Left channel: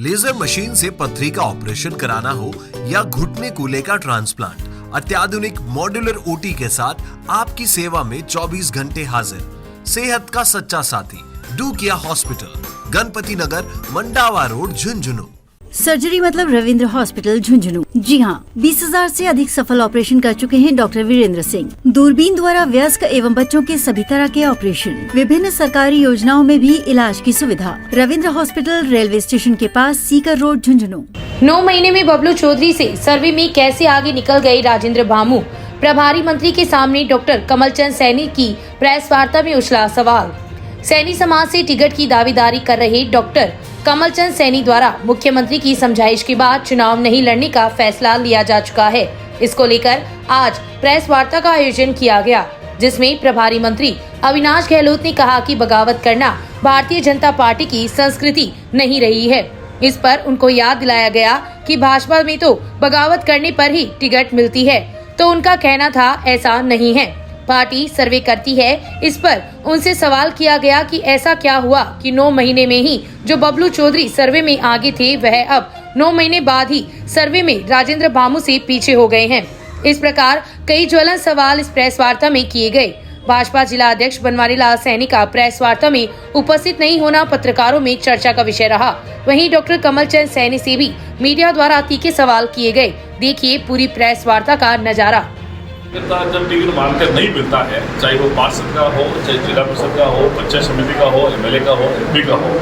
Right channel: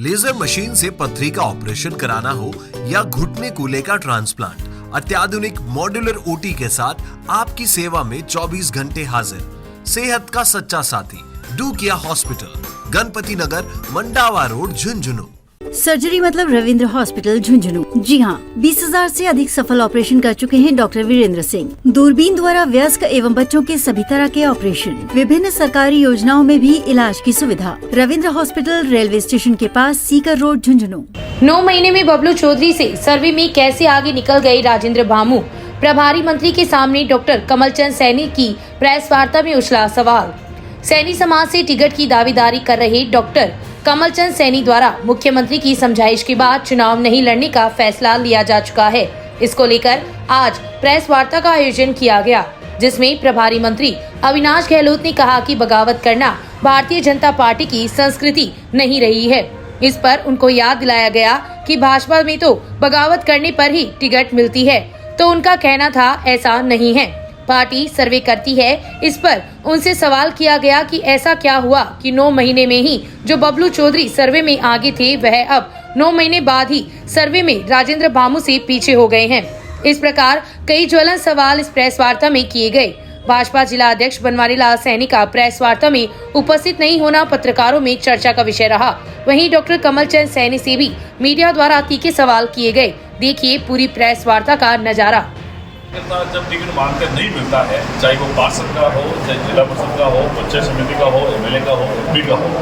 Laser machine से पथरी का ऑपरेशन कराना हो या घुटने कूल्हे का ट्रांसप्लांट, अत्याधुनिक मॉड्यूलर ओटी के साथ आपकी सेवा में 24 घंटे हाजिर। सेहत का सच्चा साथी डू किया हॉस्पिटल, गणपति नगर, मंडावा रोड, झुंझुनू। सर्जरी मतलब रविंद्र हॉस्पिटल झुंझुनू। जी हाँ, 20,000 से अधिक सफल ऑपरेशन कर चुके हैं डॉक्टर वीरेंद्र सिंह। दूरबीन द्वारा वयस्क एवं बच्चों के सभी तरह के ऑपरेशन, विभिन्न सरकारी योजनाओं में भी इलाज की सुविधा। रविंद्र हॉस्पिटल रेलवे स्टेशन के पास, सीकर रोड, झुंझुनू। 9 महीने में बबलू चौधरी से सर्वे में कैसे आगे निकल गए राजेंद्र भामू? प्रभारी मंत्री के सामने डॉक्टर कमलचंद सैनी की प्रेस वार्ता में उछला सवाल। सैनी समाज से टिकट की दावेदारी कर रहे डॉक्टर कमलचंद सैनी द्वारा मुख्यमंत्री की समझाइश के बाद चुनाव नहीं लड़ने का फैसला लिया जा चुका है। इसको लेकर आज प्रेस वार्ता का आयोजन किया गया, जिसमें प्रभारी मंत्री अविनाश गहलोत ने कहा कि बगावत करना भारतीय जनता पार्टी की संस्कृति नहीं रही है। इस पर उनको याद दिलाया गया कि भाजपा में तो बगावत करने पर ही टिकट मिलती है, तो उनका कहना था ऐसा नहीं है, पार्टी सर्वे करती है। इस पर उनसे सवाल किया गया कि ऐसा क्या हुआ कि 9 महीने में ही जो बबलू चौधरी सर्वे में आगे थे वह अब 9 महीने बाद ही सर्वे में राजेंद्र भामू से पीछे हो गए हैं। इस प्रकार कई ज्वलन सवाल इस प्रेस वार्ता में किए गए। भाजपा जिला अध्यक्ष बनवारी लाल सैनी का प्रेस वार्ता में उपस्थित नहीं होना पत्रकारों में चर्चा का विषय रहा। वहीं डॉक्टर कमलचंद सैनी से भी मीडिया द्वारा तीखे सवाल किए गए। देखिए पूरी प्रेस वार्ता का नजारा। जब टिकट मांगकर नहीं मिलता है, चाहे वो पार्षद का हो, चाहे जिला परिषद का हो, पंचायत समिति का हो, एमएलए का हो, एमपी का हो,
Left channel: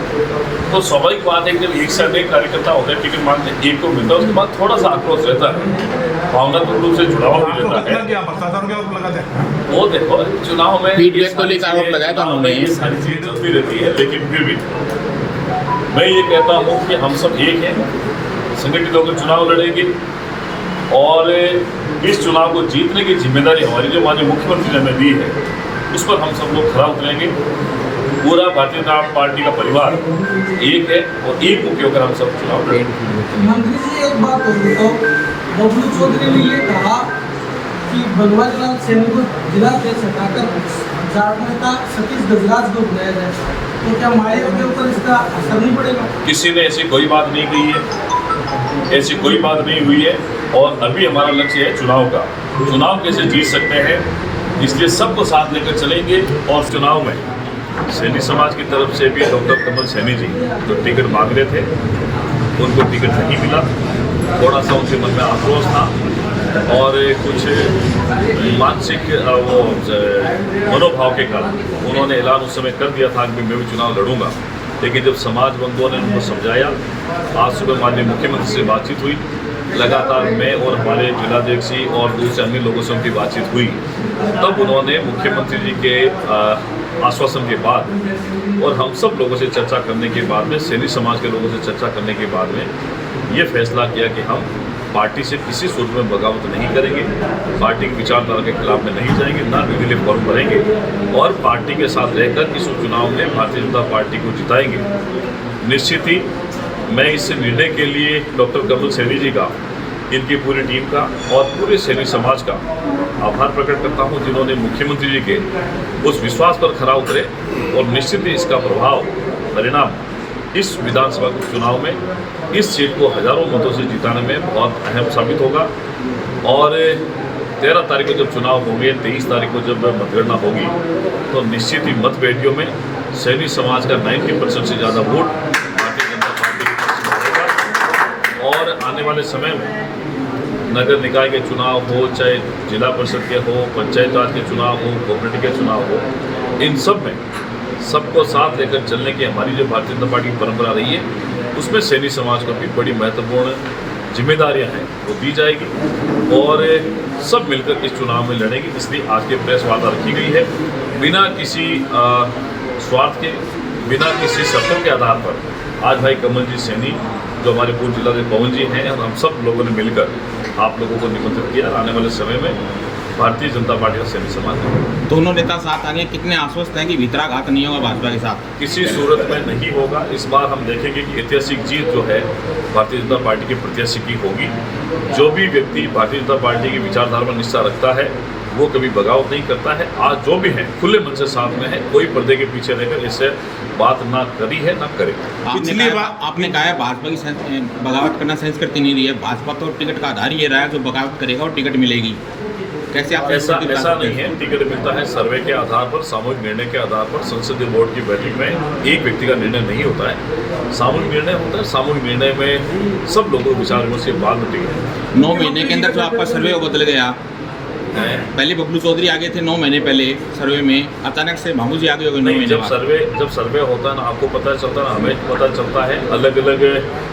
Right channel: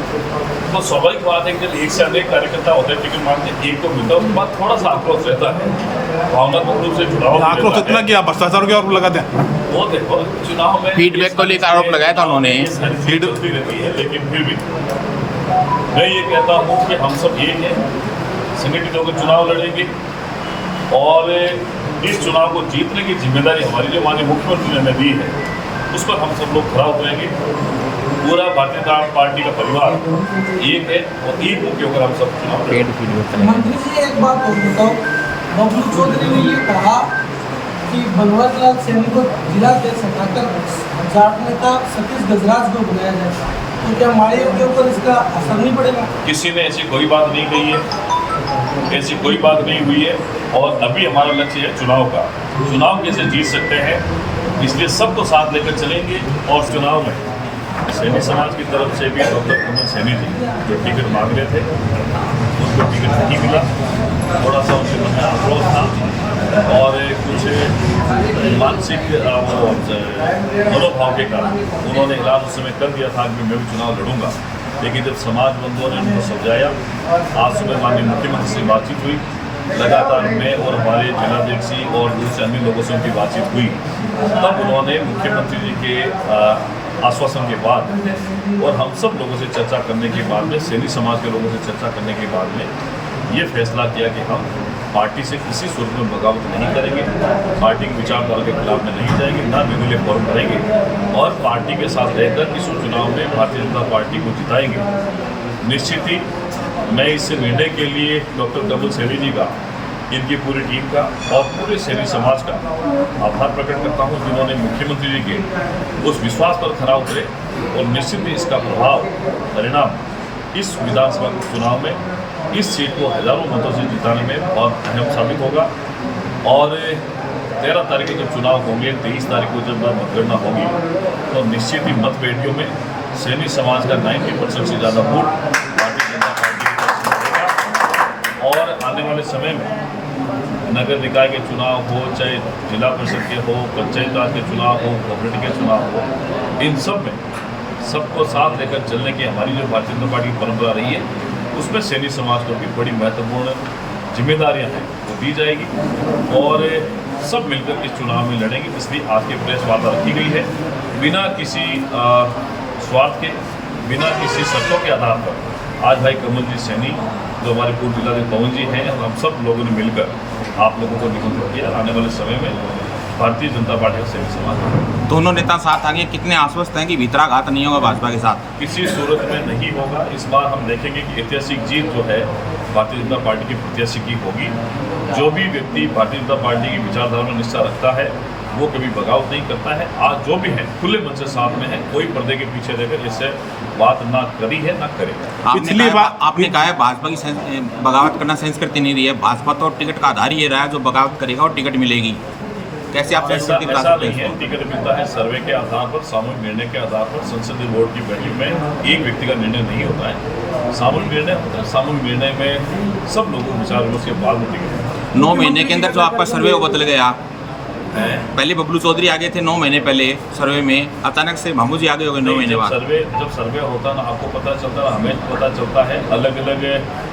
तो स्वाभाविक बात है कि जब एक से अधिक कार्यकर्ता होते हैं, टिकट मांगते एक को मिलता है, उसके बाद थोड़ा सा आक्रोश रहता है, भावनात्मक रूप से जुड़ाव रहता है। कि आप भ्रष्टाचार के आरोप लगाते हैं, वो देखो चुनाव में फीडबैक को लेकर आरोप लगाया था उन्होंने। सारी चीजें चलती रहती है, लेकिन फिर भी मैं ये कहता हूँ कि हम सब एक हैं, संगठित होकर चुनाव लड़ेंगे और इस चुनाव को जीतने की जिम्मेदारी हमारी जो माननीय मुख्यमंत्री ने हमें दी है, उस पर हम सब लोग खरा उतरेंगे। पूरा भारतीय जनता पार्टी का परिवार एक है और एक मुख्य होकर हम सब चुनाव लड़ेंगे। मंत्री जी एक बात बोलता हूँ, बबलू चौधरी ने ये कहा कि बनवारी लाल सैनी को जिला अध्यक्ष हटाकर जाट नेता सतीश गजराज को बनाया जाए, तो क्या माड़ियों के ऊपर इसका असर नहीं पड़ेगा? किसी ने ऐसी कोई बात नहीं कही है, ऐसी कोई बात नहीं हुई है और अभी हमारा लक्ष्य है चुनाव का। चुनाव कैसे जीत सकते हैं, इसलिए सबको साथ लेकर चलेंगे। और चुनाव में सैनी समाज की तरफ से भी डॉक्टर कमल सैनी जी जो टिकट मांग रहे थे, उनको टिकट नहीं मिला। थोड़ा सा उनके मन में आक्रोश था और कुछ मानसिक वो मनोभाव के कारण उन्होंने ऐलान उस समय कर दिया था कि मैं भी चुनाव लड़ूंगा। लेकिन जब समाज बंधुओं ने उनको समझाया, आज सुबह माननीय मुख्यमंत्री से बातचीत हुई, लगातार मैं और हमारे जिलाध्यक्ष और दूसरे अन्य लोगों से उनकी बातचीत हुई, तब उन्होंने मुख्यमंत्री जी के आश्वासन के बाद और हम सब लोगों से चर्चा करने के बाद में, सैनी समाज के लोगों से चर्चा करने के बाद में ये फैसला किया कि हम पार्टी से किसी सूरत में बगावत नहीं करेंगे, पार्टी की विचारधारा के खिलाफ में नहीं जाएंगे, ना निर्दलीय फॉर्म भरेंगे और पार्टी के साथ रहकर इस चुनाव में भारतीय जनता पार्टी को जिताएंगे। निश्चित ही मैं इस निर्णय के लिए डॉक्टर कमल सैनी जी का, इनकी पूरी टीम का और पूरे सैनी समाज का आभार प्रकट करता हूं, जिन्होंने मुख्यमंत्री जी के उस विश्वास पर खरा उतरे और निश्चित ही इसका प्रभाव परिणाम इस विधानसभा चुनाव में इस सीट को हजारों मतों से जिताने में बहुत अहम साबित होगा। और 13 तारीख को जब चुनाव होंगे, 23 तारीख को जब मतगणना होगी, तो निश्चित ही मतपेटियों में सैनी समाज का 90% से ज़्यादा वोट भारतीय जनता पार्टी की तरफ से मिलेगा। और आने वाले समय में नगर निकाय के चुनाव हो, चाहे जिला परिषद के हो, पंचायत राज के चुनाव हो, कोऑपरेटिव के चुनाव हो, इन सब में सबको साथ लेकर चलने की हमारी जो भारतीय जनता पार्टी की परंपरा रही है, उसमें सैनी समाज को भी बड़ी महत्वपूर्ण जिम्मेदारियां हैं वो दी जाएगी और सब मिलकर इस चुनाव में लड़ेंगे। इसलिए आज की प्रेस वार्ता रखी गई है, बिना किसी स्वार्थ के, बिना किसी शर्तों के आधार पर। आज भाई कमल जी सैनी जो हमारे पूर्व जिलाध्यक्ष पवन जी हैं और हम सब लोगों ने मिलकर आप लोगों को निमंत्रित किया। आने वाले समय में भारतीय जनता पार्टी का सैनी समाज है। दोनों नेता साथ आगे कितने आश्वस्त हैं कि भीतराघात नहीं होगा भाजपा के साथ? किसी सूरत में नहीं होगा। इस बार हम देखेंगे कि ऐतिहासिक जीत जो है भारतीय जनता पार्टी के प्रत्याशी की होगी। जो भी व्यक्ति भारतीय जनता पार्टी की विचारधारा में निष्ठा रखता है वो कभी बगावत नहीं करता है। आज जो भी है खुले मन से साथ में है, कोई पर्दे के पीछे रहकर इससे बात ना करी है ना करेगा। आपने कहा है भाजपा की बगावत करना संस्कृति नहीं रही है। भाजपा तो टिकट का आधार ये रहा है, जो बगावत करेगा और टिकट मिलेगी। कैसे आप ऐसा नहीं है। टिकट मिलता है सर्वे के आधार पर, सामूहिक निर्णय के आधार पर। संसदीय बोर्ड की बैठक में एक व्यक्ति का निर्णय नहीं होता है, सामूहिक निर्णय होता है। सामूहिक निर्णय में सब लोगों को विचार विमर्श के बाद में टिकट 9 महीने के अंदर जो आपका सर्वे वो बदल गया। पहले बबलू चौधरी आगे थे 9 महीने पहले सर्वे में, अचानक से महमूद जी आगे हो गए 9 महीने बाद। जब सर्वे होता है ना, आपको पता चलता है, हमें पता चलता है, अलग अलग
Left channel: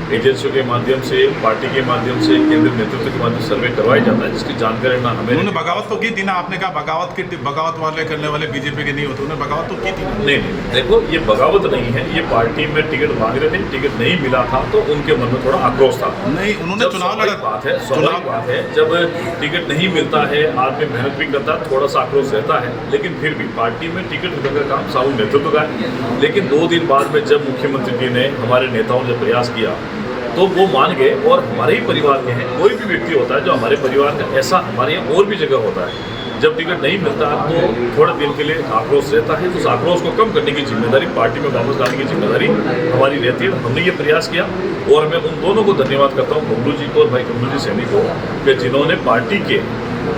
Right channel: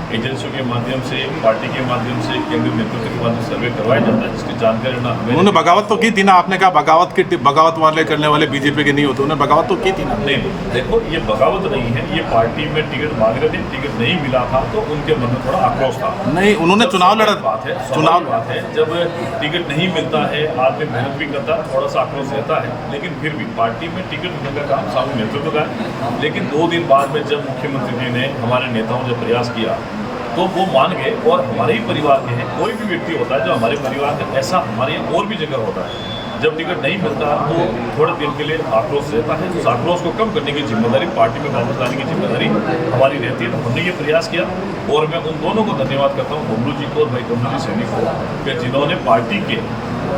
एजेंसियों के माध्यम से, पार्टी के माध्यम से, केंद्रीय नेतृत्व के माध्यम से सर्वे करवाया जाता है, जिसकी जानकारी ना हमें। उन्होंने बगावत तो की थी ना, आपने कहा बगावत वाले करने वाले बीजेपी के नहीं होते, उन्होंने बगावत तो की थी ना। नहीं, देखो ये बगावत नहीं है, ये पार्टी में टिकट मांग रहे थे, टिकट नहीं मिला था तो उनके मन में थोड़ा आक्रोश था। नहीं, उन्होंने चुनाव लड़ा। स्वाभाविक बात है, जब टिकट नहीं मिलता है, आदमी मेहनत भी करता है, थोड़ा सा आक्रोश रहता है, लेकिन फिर भी पार्टी में टिकट वितरण का काम सामूहिक नेतृत्व का है। लेकिन 2 दिन बाद में जब मुख्यमंत्री जी ने, हमारे नेताओं ने प्रयास किया तो वो मान गए, और हमारे ही परिवार के हैं। कोई भी व्यक्ति होता है जो हमारे परिवार का, ऐसा हमारे यहाँ और भी जगह होता है। जब टिकट नहीं मिलता तो थोड़े दिन के लिए आक्रोश रहता है, तो उस आक्रोश को कम करने की जिम्मेदारी, पार्टी में वापस लाने की जिम्मेदारी हमारी रहती है। हमने ये प्रयास किया, और मैं उन दोनों को धन्यवाद करता हूँ, बबलू जी को और भाई कमलू जी सैनी को, कि जिन्होंने पार्टी के,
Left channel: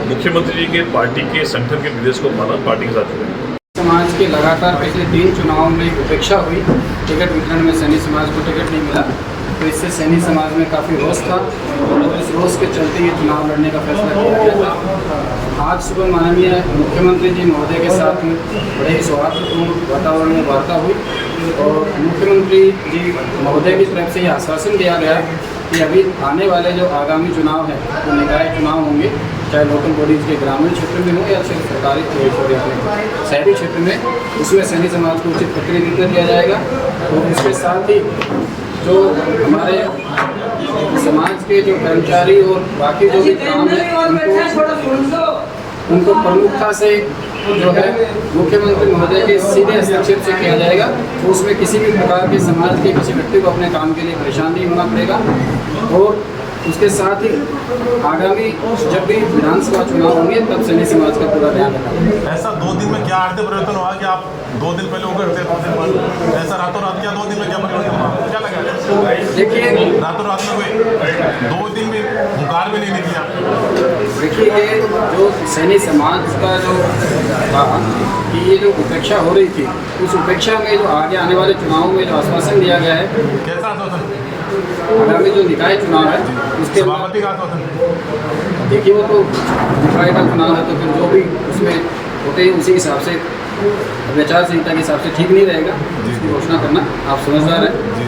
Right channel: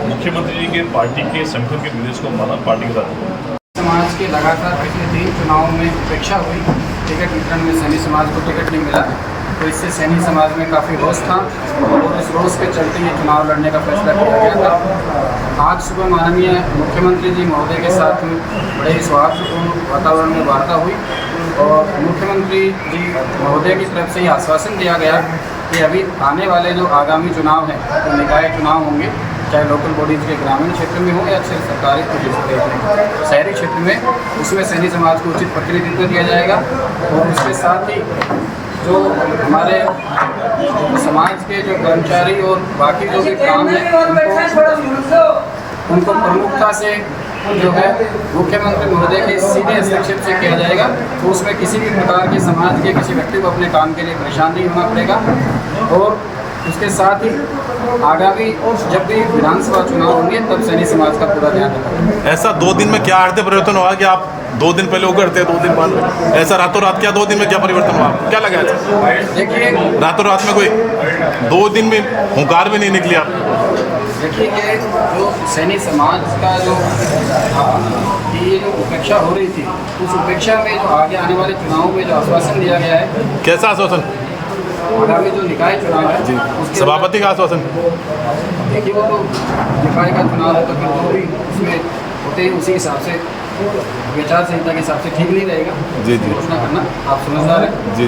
मुख्यमंत्री जी के, पार्टी के संगठन के निर्देश को माना, पार्टी के साथ जुड़े। समाज के लगातार पिछले 3 चुनावों में उपेक्षा हुई, टिकट वितरण में सैनी समाज को टिकट नहीं मिला, तो इससे सैनी समाज में काफ़ी रोष था, और इस रोष के चलते ये चुनाव लड़ने का फैसला किया गया था। आज सुबह माननीय मुख्यमंत्री जी महोदय के साथ में बड़े ही सौहार्दपूर्ण वातावरण में वार्ता हुई, और मुख्यमंत्री जी महोदय की तरफ से ये आश्वासन दिया गया कि अभी आने वाले जो आगामी चुनाव हैं, तो निकाय चुनाव होंगे, चाहे लोकल बॉडीज़ के ग्रामीण क्षेत्र में हो या सरकारी शहरी क्षेत्र में, उसमें सैनी समाज को उचित प्रतिनिधित्व दिया जाएगा। और उसके साथ ही जो हमारे समाज के जो कर्मचारी और बाकी जो भी काम है, उनको प्रमुखता से जो है मुख्यमंत्री महोदय के सीधे हस्तक्षेप से किया जाएगा। तो उसमें किसी भी प्रकार के समाज के किसी व्यक्ति को अपने काम के लिए परेशान नहीं होना पड़ेगा। और उसके साथ ही आगामी जब भी विधानसभा चुनाव होंगे, तब सैनी समाज का पूरा ध्यान रखा। ऐसा 2 दिन में क्या आर्थिक परिवर्तन हुआ कि आप 2 दिन पहले वो करते, 2 दिन बाद ऐसा रातों रात? क्या 2 दिन में क्या परिवर्तन हुआ, क्या लगा ऐसा? देखिए, रातों रात में कोई 2 दिन में हुंकार भी नहीं निकलिया। देखिए, ये जो सैनी समाज का जो था कि ये जो उपेक्षा हो रही थी, उस उपेक्षा में जो आगे आने वाले चुनावों में जो आश्वासन दिया गया है, कैसा आश्वासन? आगामी जो निकाय चुनाव है उसके सभापति का आश्वासन। देखिए, वो तो निकाय का चुनाव है, तो फिर जो भी उसमें होते हैं उसी हिसाब से, विचार संहिता के हिसाब से ठीक नहीं रहेगा घोषणा करना। आप समझदार हैं। जी।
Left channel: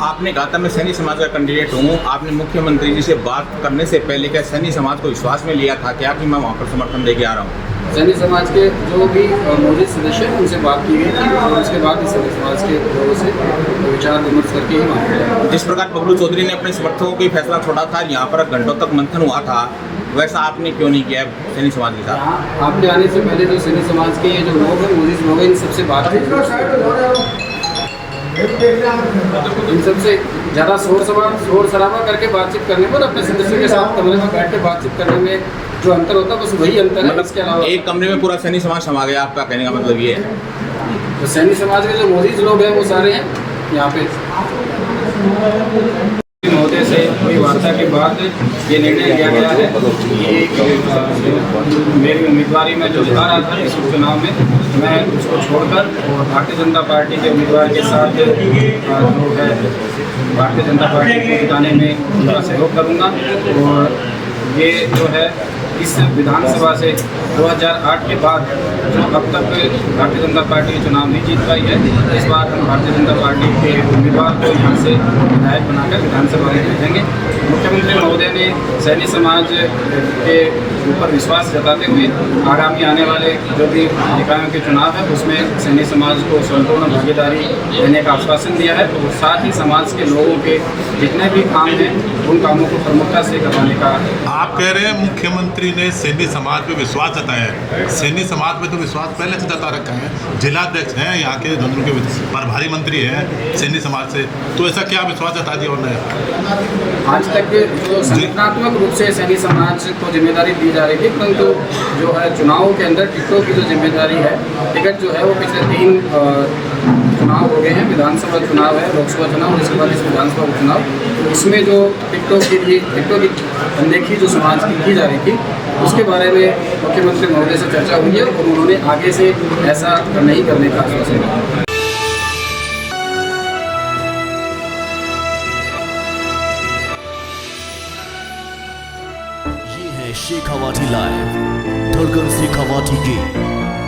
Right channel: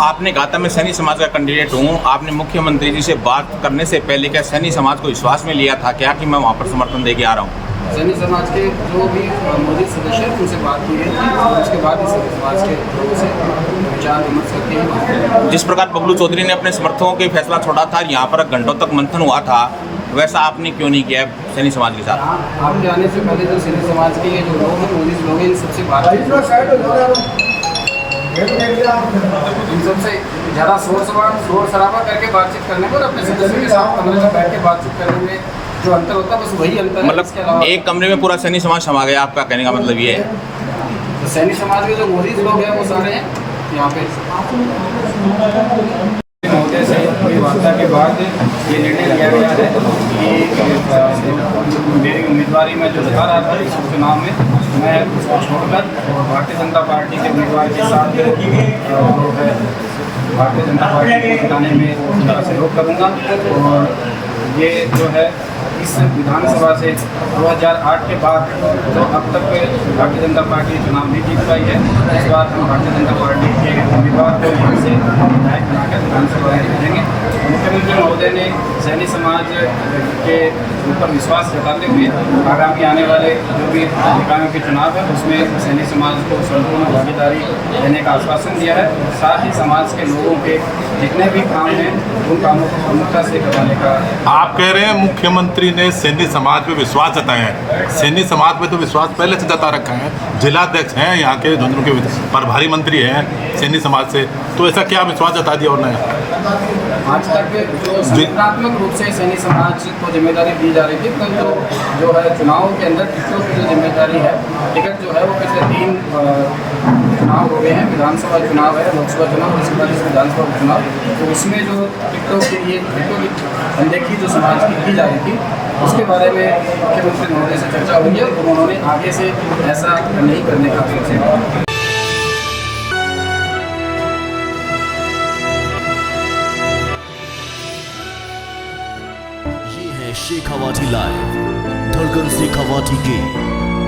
आपने कहा था मैं सैनी समाज का कैंडिडेट हूँ। आपने मुख्यमंत्री जी से बात करने से पहले क्या सैनी समाज को विश्वास में लिया था क्या कि मैं वहाँ पर समर्थन दे के आ रहा हूँ? सैनी समाज के जो भी मौजूद सदस्य हैं उनसे बात की गई थी, और उसके बाद ही सैनी समाज के लोगों से विचार विमर्श करके ही वहाँ। जिस प्रकार बबलू चौधरी ने अपने समर्थकों के फैसला छोड़ा था, यहाँ पर घंटों तक मंथन हुआ था, वैसा आपने क्यों नहीं किया सैनी समाज के साथ? आपके आने से पहले जो सैनी समाज के ये जो लोग हैं, मौजूद लोग हैं, इन सबसे बात की, इन सबसे ज़्यादा शोर शराबा करके बातचीत करने पर, अपने सदस्यों के साथ कमरे में बैठ के बातचीत करने में जो अंतर होता है, बस वही अंतर है। इसके अलावा एक कमरे में पूरा सैनी समाज समा गया, आपका कहने का मतलब ये है? तो सैनी समाज के जो मौजूद लोग हैं वो सारे हैं यहाँ पे। महोदय से हुई वार्ता के बाद ये निर्णय लिया गया है कि मेरी उम्मीदवारी में जो जता रहा था इस उपचुनाव में, मैं उसको छोड़कर और भारतीय जनता पार्टी के उम्मीदवार के साथ जो है भारतीय जनता पार्टी को जिताने में उनका सहयोग करूँगा। और ये जो है इस विधानसभा से 2008 के बाद जो अब तक भारतीय जनता पार्टी चुनाव नहीं जीत पाई है, इस बार हम भारतीय जनता पार्टी के उम्मीदवार को यहाँ से विधायक बनाकर विधानसभा में भेजेंगे। मुख्यमंत्री महोदय ने सैनी समाज के ऊपर विश्वास जताते हुए आगामी आने वाले जो भी निकायों के चुनाव है उसमें सैनी समाज को संपूर्ण भागीदारी देने का आश्वासन दिया है, और साथ ही समाज के लोगों के जितने भी काम हैं उन कामों को प्रमुखता से करवाने का। आप कह रहे हैं मुख्यमंत्री जी ने सैनी समाज पे विश्वास जताया है। सैनी समाज पे तो विश्वास पहले से जता रखा है। जिलाध्यक्ष हैं यहाँ के झुंझुनू के प्रभारी मंत्री हैं सैनी समाज से, तो ऐसा क्या विश्वास जता दिया उन्होंने? आज तक जो संगठनात्मक रूप से सैनी समाज को जिम्मेदारी दी जा रही थी, परंतु जो है चुनाव के अंदर टिकटों की जो जिम्मेदारी है, टिकट जो है वो पिछले 3 चुनाव हो गए हैं। विधानसभा चुनाव है, लोकसभा चुनाव और इसके बाद इस विधानसभा चुनाव, तो उसमें जो टिकटों की अनदेखी जो समाज की जा रही थी, उसके बारे में मुख्यमंत्री महोदय से चर्चा हुई है और उन्होंने आगे से ऐसा नहीं करने का आश्वासन दिया। ये है शेखावाटी लाइव, धड़कन शेखावाटी की